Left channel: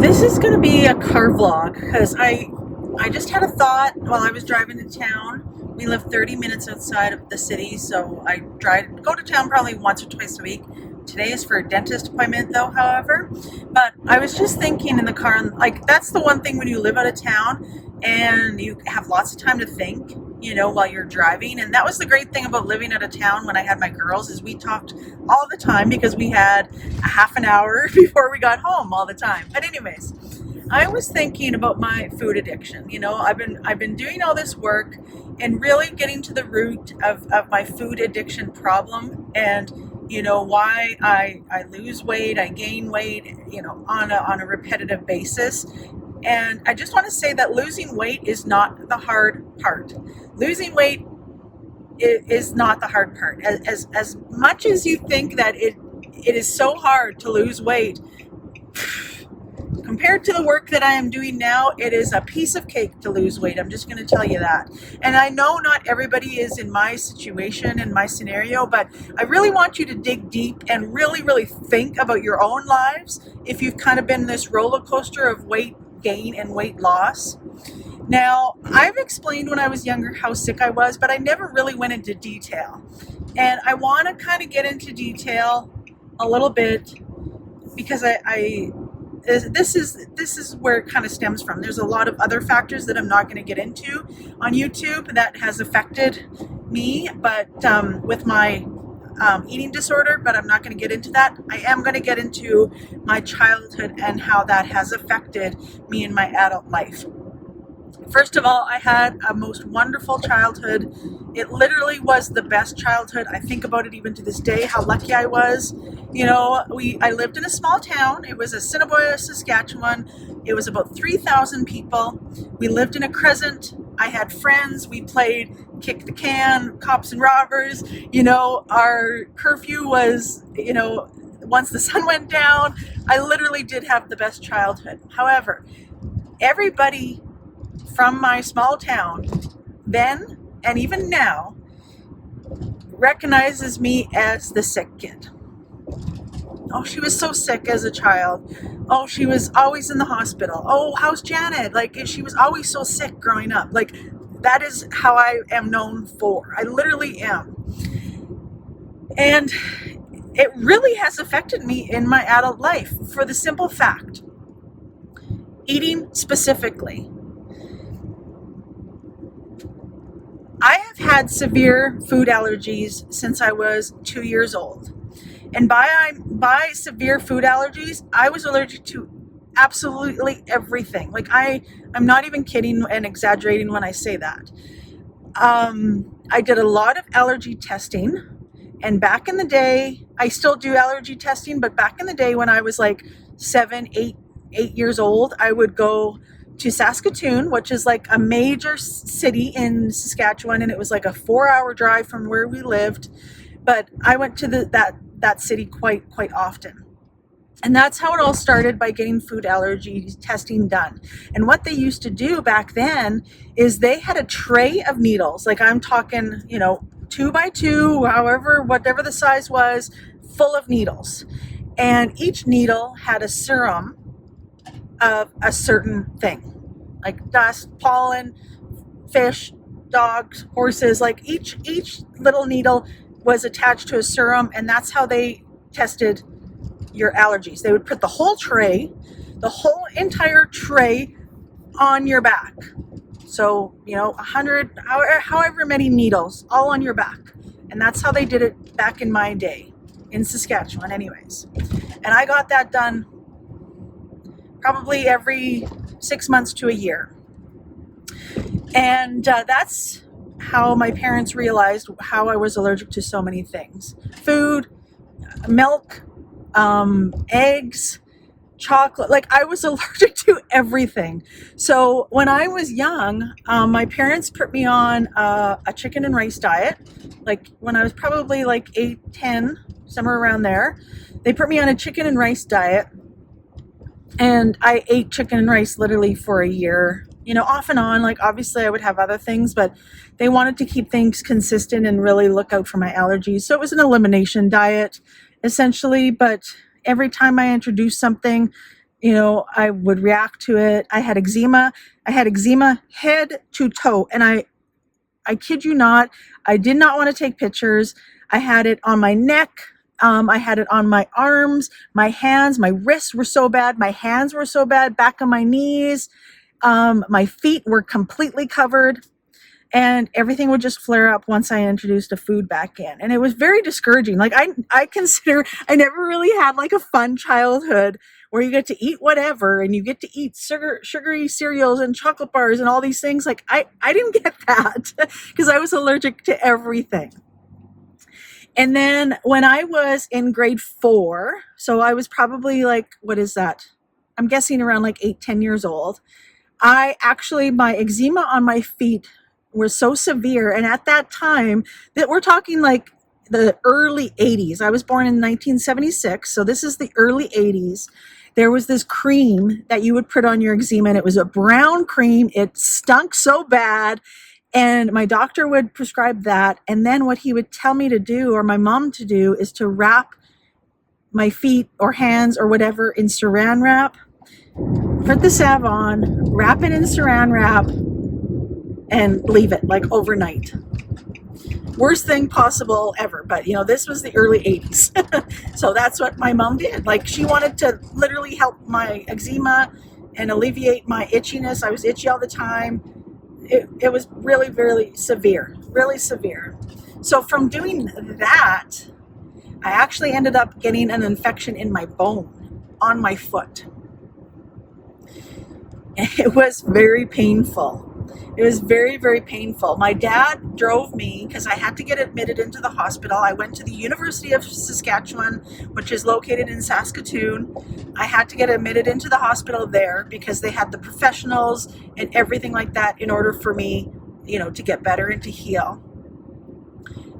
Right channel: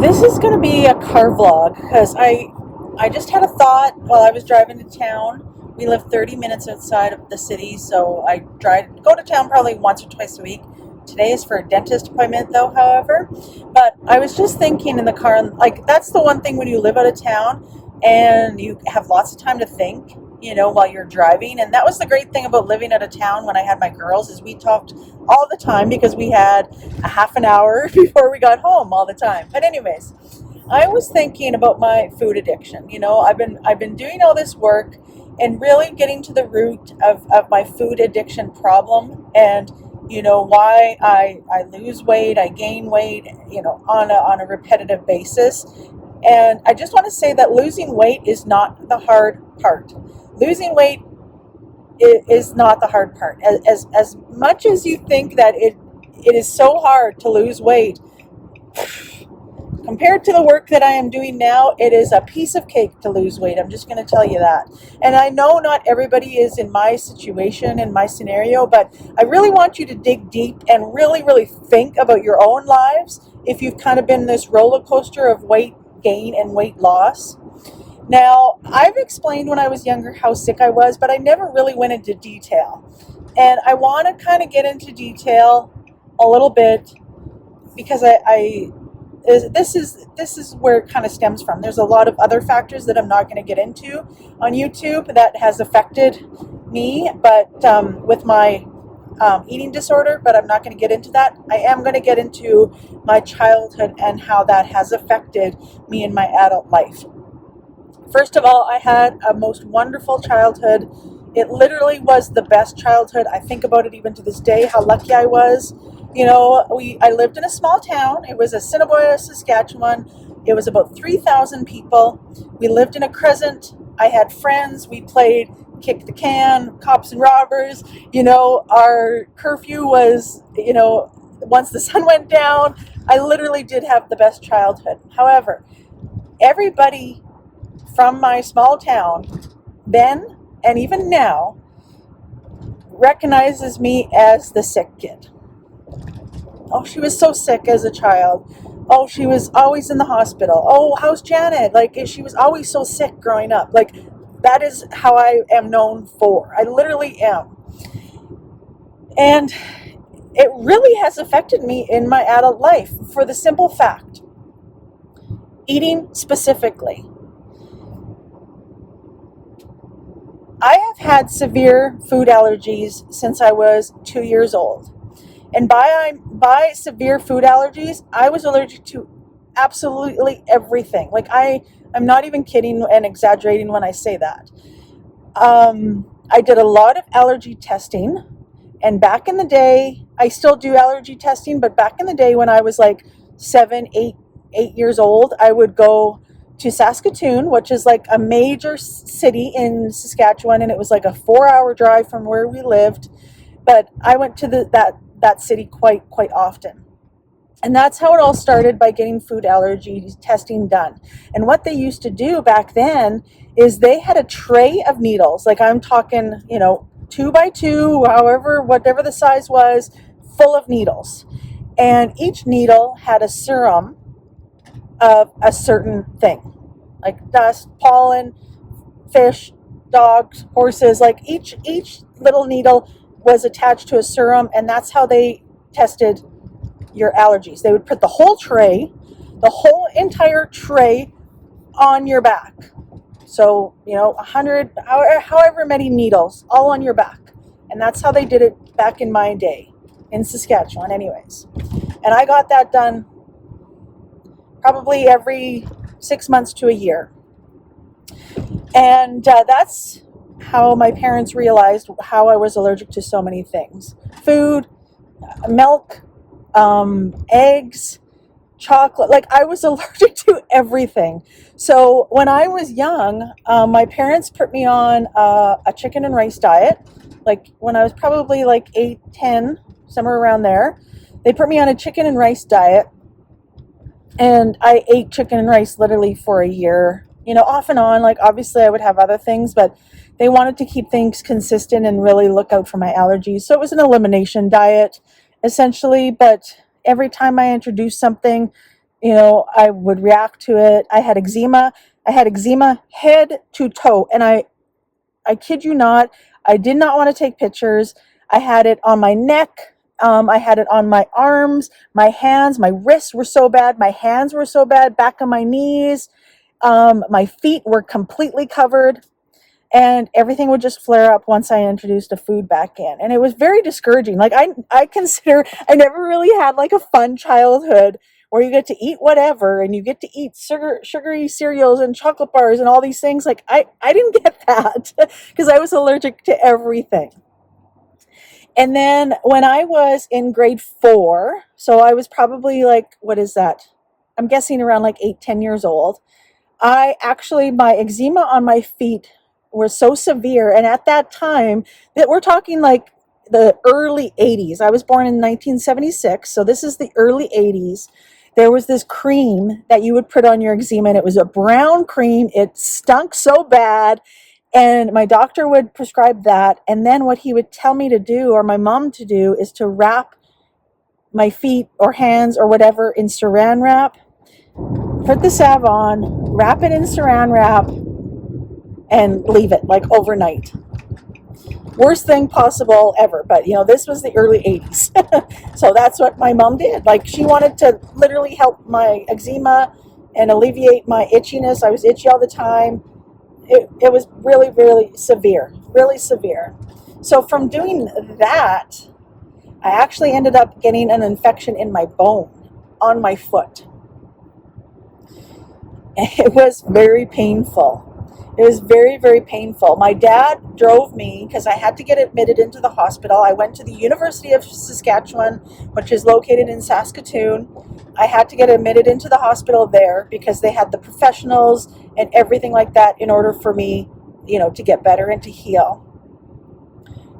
This is going to be a car vlog because I just had a thought while I was driving to town. We live 30 minutes outside of the city, so I go to town probably once or twice a week. Today is for a dentist appointment though, however. But I was just thinking in the car, like that's the one thing when you live out of town and you have lots of time to think, while you're driving. And that was the great thing about living out of town when I had my girls, is we talked all the time because we had a half an hour before we got home all the time. But anyways, I was thinking about my food addiction. I've been doing all this work and really getting to the root of my food addiction problem, and why I lose weight, I gain weight, on a repetitive basis. And I just want to say that losing weight is not the hard part. Losing weight is not the hard part. As much as you think that it is so hard to lose weight, compared to the work that I am doing now, it is a piece of cake to lose weight. I'm just going to tell you that. And I know not everybody is in my situation and my scenario, but I really want you to dig deep and really, really think about your own lives if you've kind of been this roller coaster of weight gain and weight loss. Now, I've explained when I was younger how sick I was, but I never really went into detail. And I want to kind of get into detail a little bit because this is where it kind of stems from. There's a lot of other factors that I'm not going to get into on YouTube that has affected me, but with my eating disorder, but I'm not going to get into that. I am going to get into my childhood and how that has affected me in my adult life. First of all, I had a most wonderful childhood. It literally was the best childhood. I think about it even to this day, how lucky I was. I lived in a small town. It was Assiniboia, Saskatchewan. It was about 3,000 people. We lived in a crescent. I had friends. We played kick the can, cops and robbers. Our curfew was, once the sun went down. I literally did have the best childhood. However, everybody from my small town then and even now recognizes me as the sick kid. Oh, she was so sick as a child. Oh, she was always in the hospital. Oh, how's Janet? Like, she was always so sick growing up. Like, that is how I am known for. I literally am. And it really has affected me in my adult life for the simple fact, eating specifically. I have had severe food allergies since I was 2 years old. And by severe food allergies, I was allergic to absolutely everything. Like, I'm not even kidding and exaggerating when I say that. I did a lot of allergy testing. And back in the day, I still do allergy testing, but back in the day when I was like 8 years old, I would go to Saskatoon, which is like a major city in Saskatchewan, and it was like a 4-hour drive from where we lived. But I went to that city quite often. And that's how it all started, by getting food allergy testing done. And what they used to do back then is they had a tray of needles, like I'm talking, 2 by 2, whatever the size was, full of needles. And each needle had a serum of a certain thing, like dust, pollen, fish, dogs, horses. Like each little needle was attached to a serum, and that's how they tested your allergies. They would put the whole entire tray on your back. So, 100, however many needles, all on your back. And that's how they did it back in my day, in Saskatchewan anyways. And I got that done probably every 6 months to a year. And that's how my parents realized how I was allergic to so many things. Food, milk, eggs, chocolate. Like, I was allergic to everything. So when I was young, my parents put me on a chicken and rice diet. Like when I was probably like 8, 10, somewhere around there, they put me on a chicken and rice diet. And I ate chicken and rice literally for a year, off and on. Like, obviously I would have other things, but they wanted to keep things consistent and really look out for my allergies. So it was an elimination diet essentially, but every time I introduced something, I would react to it. I had eczema. I had eczema head to toe. And I kid you not, I did not want to take pictures. I had it on my neck. I had it on my arms, my hands, my wrists were so bad. My hands were so bad, back of my knees. My feet were completely covered. And everything would just flare up once I introduced a food back in. And it was very discouraging. Like I consider I never really had like a fun childhood where you get to eat whatever and you get to eat sugary cereals and chocolate bars and all these things. Like I didn't get that because I was allergic to everything. And then when I was in grade 4, so I was probably like, what is that? I'm guessing around like 8, 10 years old. My eczema on my feet were so severe. And at that time, that we're talking like the early 80s. I was born in 1976. So this is the early 80s. There was this cream that you would put on your eczema, and it was a brown cream. It stunk so bad. And my doctor would prescribe that. And then what he would tell me to do, or my mom to do, is to wrap my feet or hands or whatever in saran wrap. Put the salve on, wrap it in saran wrap, and leave it like overnight. Worst thing possible ever. But this was the early 80s. So that's what my mom did. Like, she wanted to literally help my eczema and alleviate my itchiness. I was itchy all the time. It was really, really severe. Really severe. So from doing that, I actually ended up getting an infection in my bone on my foot. It was very painful. It was very, very painful. My dad drove me because I had to get admitted into the hospital. I went to the University of Saskatchewan, which is located in Saskatoon. I had to get admitted into the hospital there because they had the professionals and everything like that in order for me, to get better and to heal.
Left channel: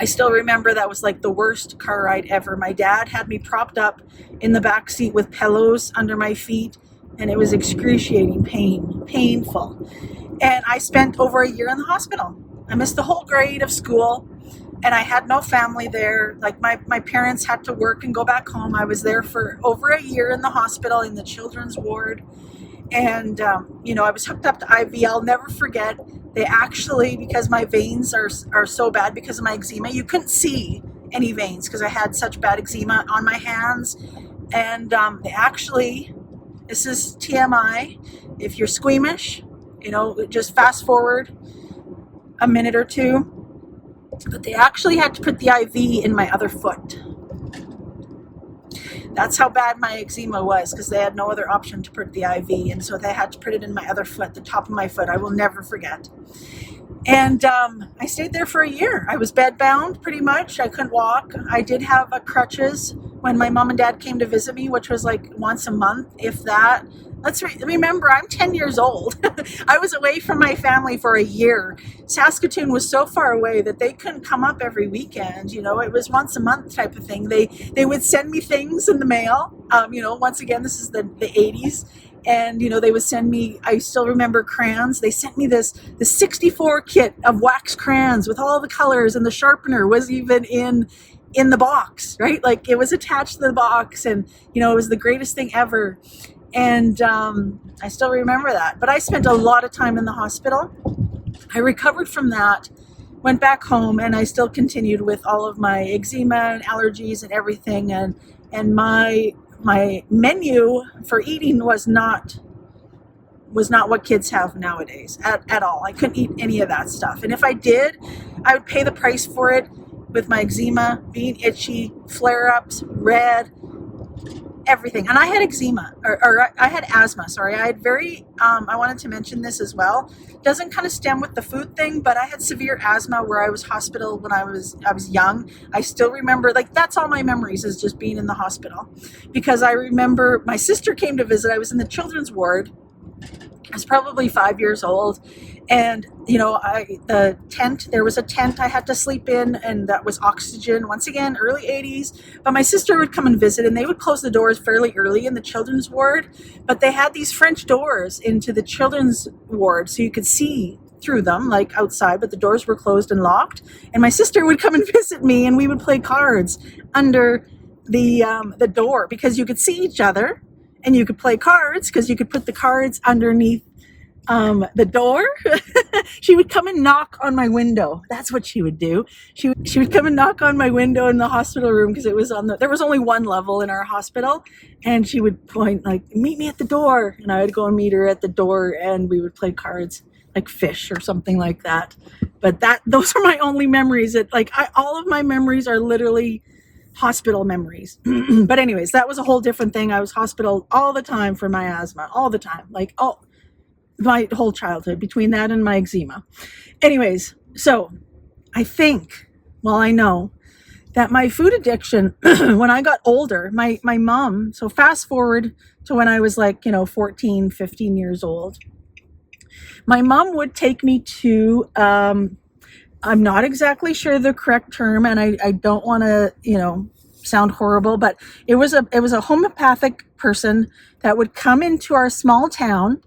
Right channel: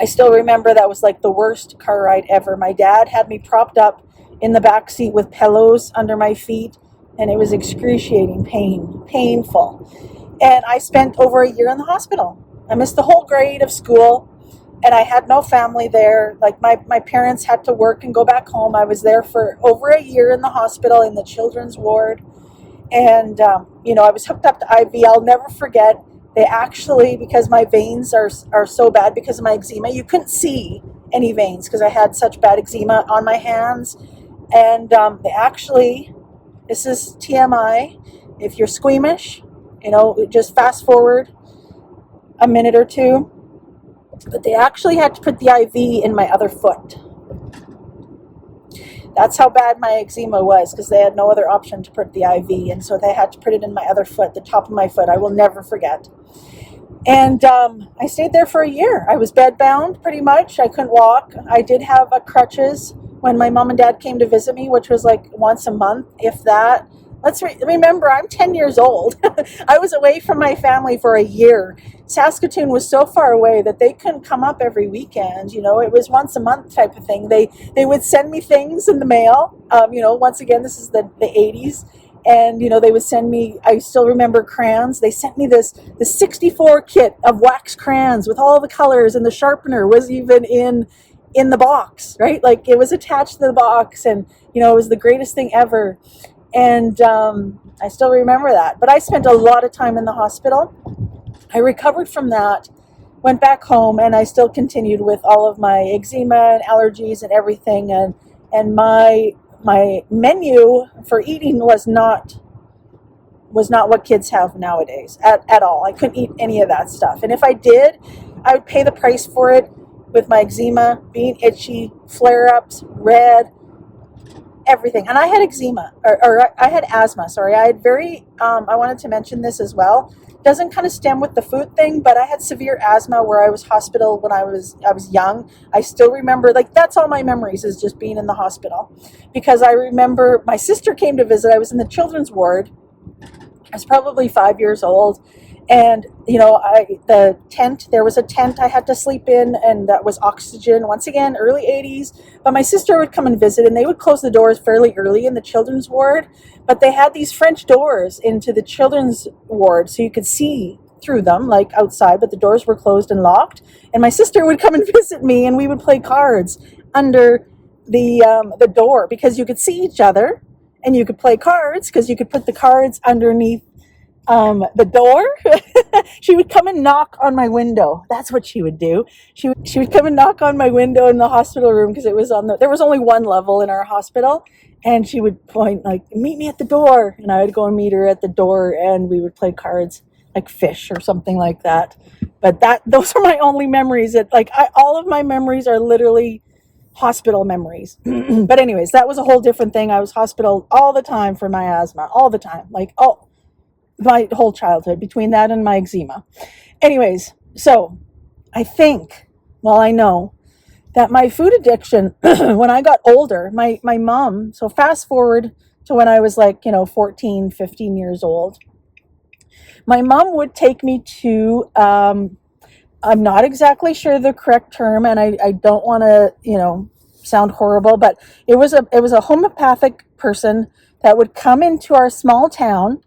I still remember that was like the worst car ride ever. My dad had me propped up in the back seat with pillows under my feet, and it was excruciating painful. And I spent over a year in the hospital. I missed the whole grade of school, and I had no family there. Like my parents had to work and go back home. I was there for over a year in the hospital in the children's ward. And, I was hooked up to IV. I'll never forget. They actually, because my veins are so bad because of my eczema, you couldn't see any veins because I had such bad eczema on my hands. And they actually, this is TMI, if you're squeamish, just fast forward a minute or two. But they actually had to put the IV in my other foot. That's how bad my eczema was, because they had no other option to put the IV. And so they had to put it in my other foot, the top of my foot. I will never forget. And I stayed there for a year. I was bedbound pretty much. I couldn't walk. I did have crutches when my mom and dad came to visit me, which was like once a month, if that. Let's remember, I'm 10 years old. I was away from my family for a year. Saskatoon was so far away that they couldn't come up every weekend. It was once a month type of thing. They would send me things in the mail. Once again, this is the 80s. And, they would send me, I still remember crayons. They sent me the 64 kit of wax crayons with all the colors, and the sharpener was even in the box, right? Like, it was attached to the box, and, it was the greatest thing ever. And I still remember that. But I spent a lot of time in the hospital. I recovered from that, went back home, and I still continued with all of my eczema and allergies and everything. And my menu for eating was not what kids have nowadays at all. I couldn't eat any of that stuff. And if I did, I would pay the price for it with my eczema, being itchy, flare-ups, red, everything. And I had eczema, or I had asthma, sorry. I had I wanted to mention this as well. Doesn't kind of stem with the food thing, but I had severe asthma where I was hospital when I was young. I still remember, like, that's all my memories is just being in the hospital. Because I remember my sister came to visit. I was in the children's ward. I was probably 5 years old. And, there was a tent I had to sleep in, and that was oxygen. Once again, early 80s. But my sister would come and visit, and they would close the doors fairly early in the children's ward. But they had these French doors into the children's ward, so you could see through them, like outside, but the doors were closed and locked. And my sister would come and visit me, and we would play cards under the door, because you could see each other. and you could play cards because you could put the cards underneath the door. She would come and knock on my window. That's what she would do. She would come and knock on my window in the hospital room because it was there was only one level in our hospital, and she would point like, meet me at the door, and I would go and meet her at the door, and we would play cards like fish or something like that. But those are my only memories. All of my memories are literally hospital memories. But anyways, that was a whole different thing. I was hospital all the time for my asthma, all the time, my whole childhood, between that and my eczema. Anyways, so I know that my food addiction, when I got older, my mom, so fast forward to when I was 14, 15 years old, my mom would take me to, I'm not exactly sure the correct term, and I don't want to, sound horrible, but it was a homeopathic person that would come into our small town,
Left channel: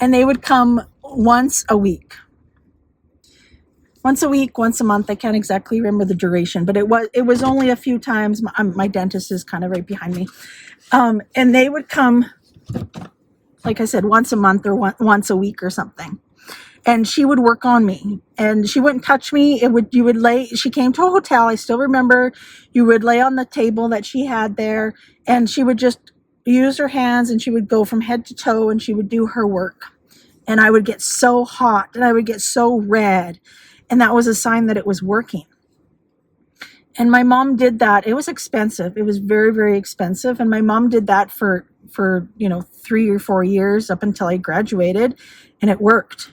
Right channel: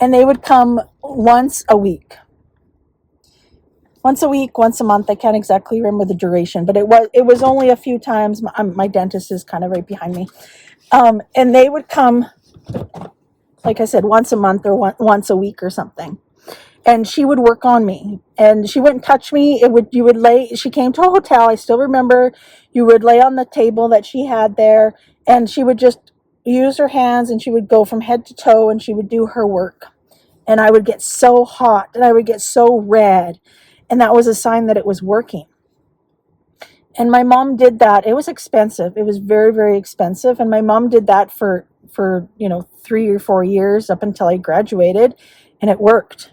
and they would come once a week, once a month. I can't exactly remember the duration, but it was only a few times. My dentist is kind of right behind me. And they would come, like I said, once a month or once a week or something. And she would work on me, and she wouldn't touch me. She came to a hotel. I still remember. You would lay on the table that she had there, and she would just use her hands, and she would go from head to toe, and she would do her work. And I would get so hot, and I would get so red, and that was a sign that it was working. And my mom did that. It was expensive. It was very, very expensive. And my mom did that for 3 or 4 years up until I graduated, and it worked.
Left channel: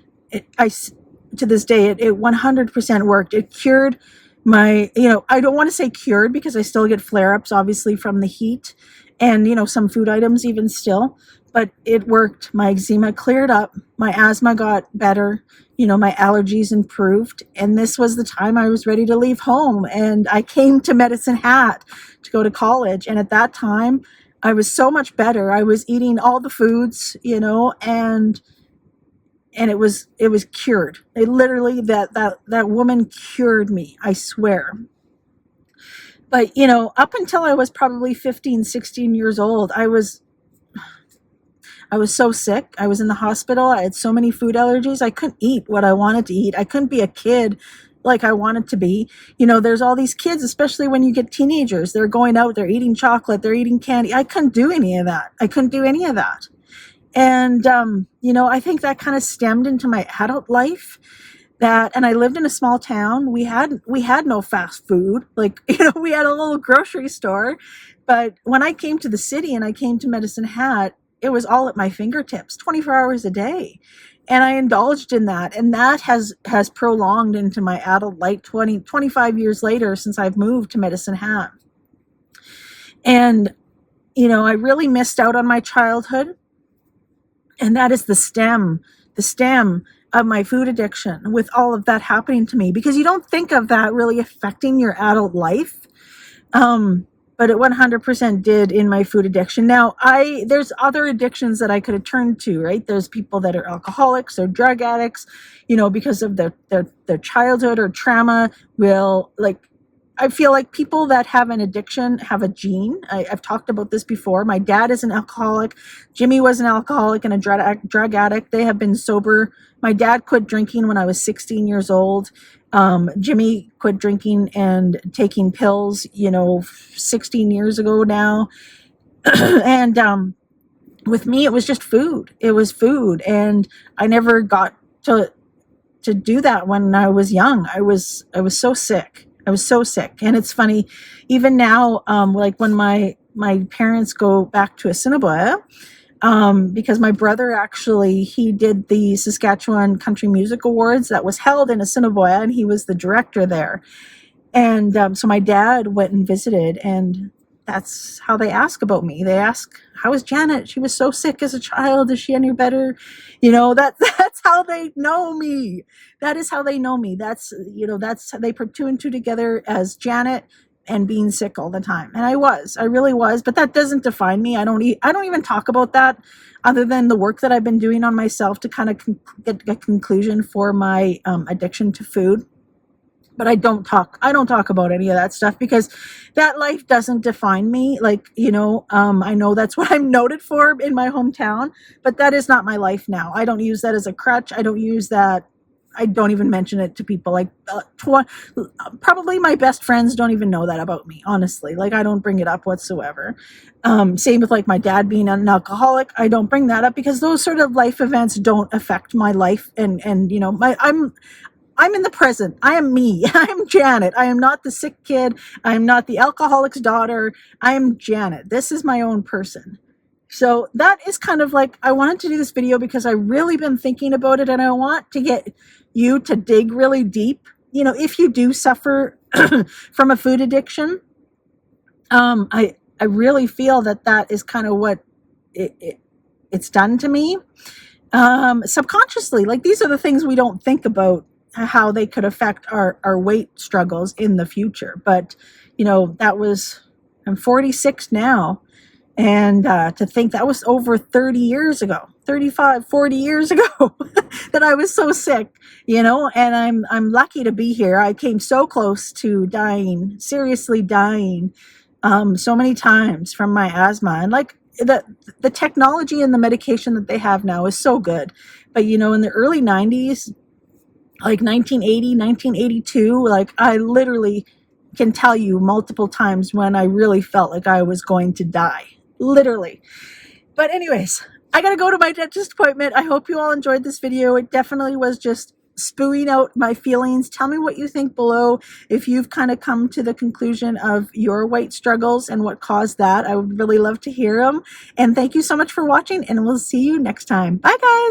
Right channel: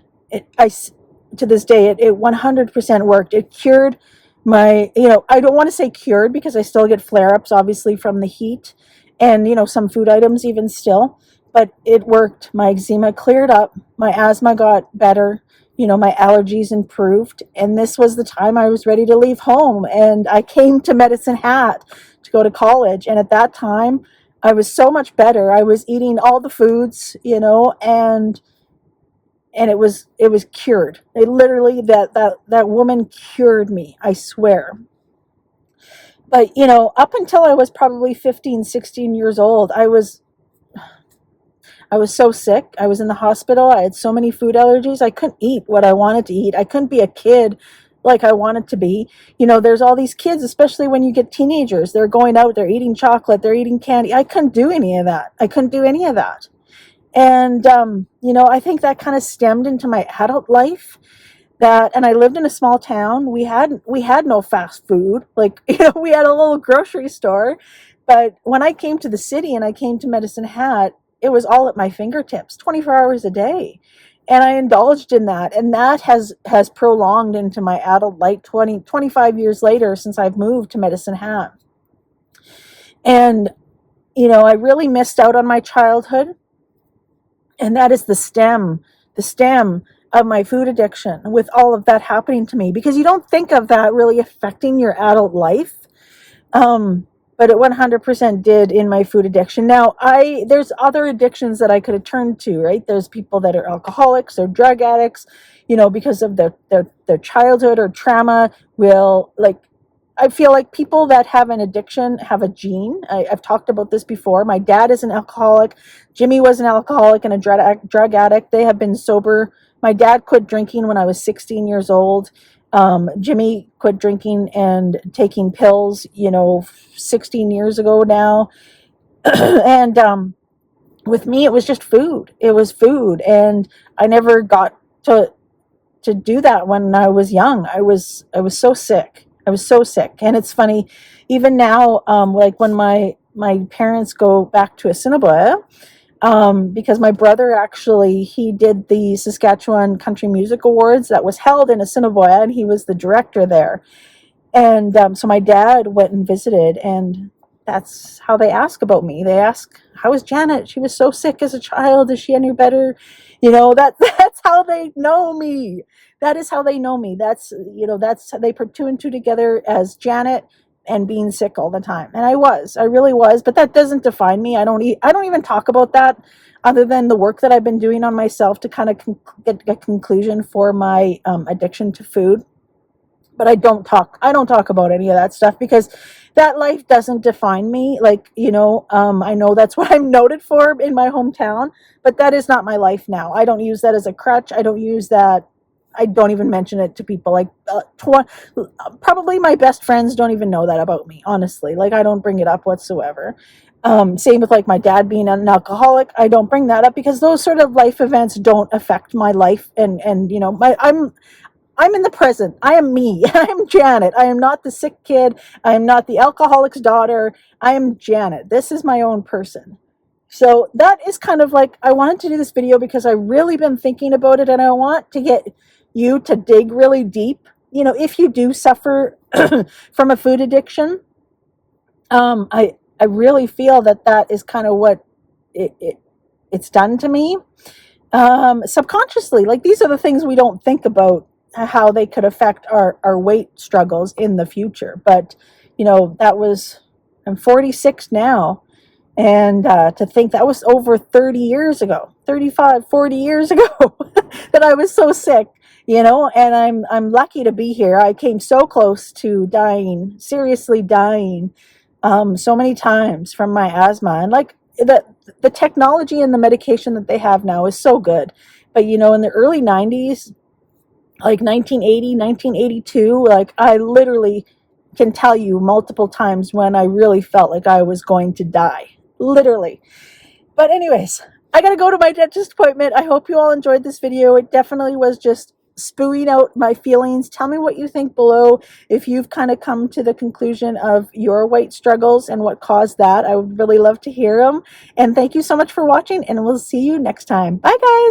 To this day, it 100% worked. It cured my, I don't want to say cured because I still get flare-ups, obviously, from the heat and, some food items even still, but it worked. My eczema cleared up. My asthma got better. My allergies improved. And this was the time I was ready to leave home. And I came to Medicine Hat to go to college. And at that time, I was so much better. I was eating all the foods, and it was cured. It literally, that woman cured me, I swear. But up until I was probably 15, 16 years old, I was so sick. I was in the hospital. I had so many food allergies. I couldn't eat what I wanted to eat. I couldn't be a kid like I wanted to be. There's all these kids, especially when you get teenagers, they're going out, they're eating chocolate, they're eating candy. I couldn't do any of that. And, I think that kind of stemmed into my adult life. And I lived in a small town. We had no fast food. We had a little grocery store. But when I came to the city and I came to Medicine Hat, it was all at my fingertips, 24 hours a day. And I indulged in that. And that has prolonged into my adult life 25 years later since I've moved to Medicine Hat. And, I really missed out on my childhood. And that is the stem of my food addiction, with all of that happening to me, because you don't think of that really affecting your adult life. But it 100% did in my food addiction. Now, there's other addictions that I could have turned to, right? There's people that are alcoholics or drug addicts, because of their childhood or trauma I feel like people that have an addiction have a gene. I've talked about this before. My dad is an alcoholic. Jimmy was an alcoholic and a drug addict. They have been sober. My dad quit drinking when I was 16 years old. Jimmy quit drinking and taking pills, 16 years ago now. And with me, it was just food. It was food. And I never got to do that when I was young. I was so sick. I was so sick. And it's funny, even now, when my parents go back to Assiniboia, because my brother he did the Saskatchewan Country Music Awards that was held in Assiniboia, and he was the director there. And so my dad went and visited, and that's how they ask about me. They ask, how is Janet? She was so sick as a child. Is she any better? That's how they know me. That is how they know me. That's they put two and two together as Janet and being sick all the time. And I really was, but that doesn't define me. I don't even talk about that, other than the work that I've been doing on myself to kind of get a conclusion for my addiction to food. but I don't talk about any of that stuff because that life doesn't define me. Like, I know that's what I'm noted for in my hometown, but that is not my life now. I don't use that as a crutch. I don't use that. I don't even mention it to people. Like, probably my best friends don't even know that about me, honestly. Like, I don't bring it up whatsoever. Same with like my dad being an alcoholic. I don't bring that up because those sort of life events don't affect my life. And I'm in the present. I am me. I am Janet. I am not the sick kid. I am not the alcoholic's daughter. I am Janet. This is my own person. So that is kind of like, I wanted to do this video because I really been thinking about it, and I want to get you to dig really deep. If you do suffer from a food addiction, I really feel that is kind of what it's done to me. Subconsciously, like, these are the things we don't think about, how they could affect our weight struggles in the future. But I'm 46 now, and to think that was over 30 years ago, 35, 40 years ago, that I was so sick, and I'm lucky to be here. I came so close to dying, seriously dying, so many times from my asthma. And like, the technology and the medication that they have now is so good. But in the early 90s, like 1980, 1982, like, I literally can tell you multiple times when I really felt like I was going to die, literally. But anyways, I gotta go to my dentist appointment. I hope you all enjoyed this video. It definitely was just spewing out my feelings. Tell me what you think below, if you've kind of come to the conclusion of your weight struggles and what caused that. I would really love to hear them. And thank you so much for watching, and we'll see you next time. Bye, guys.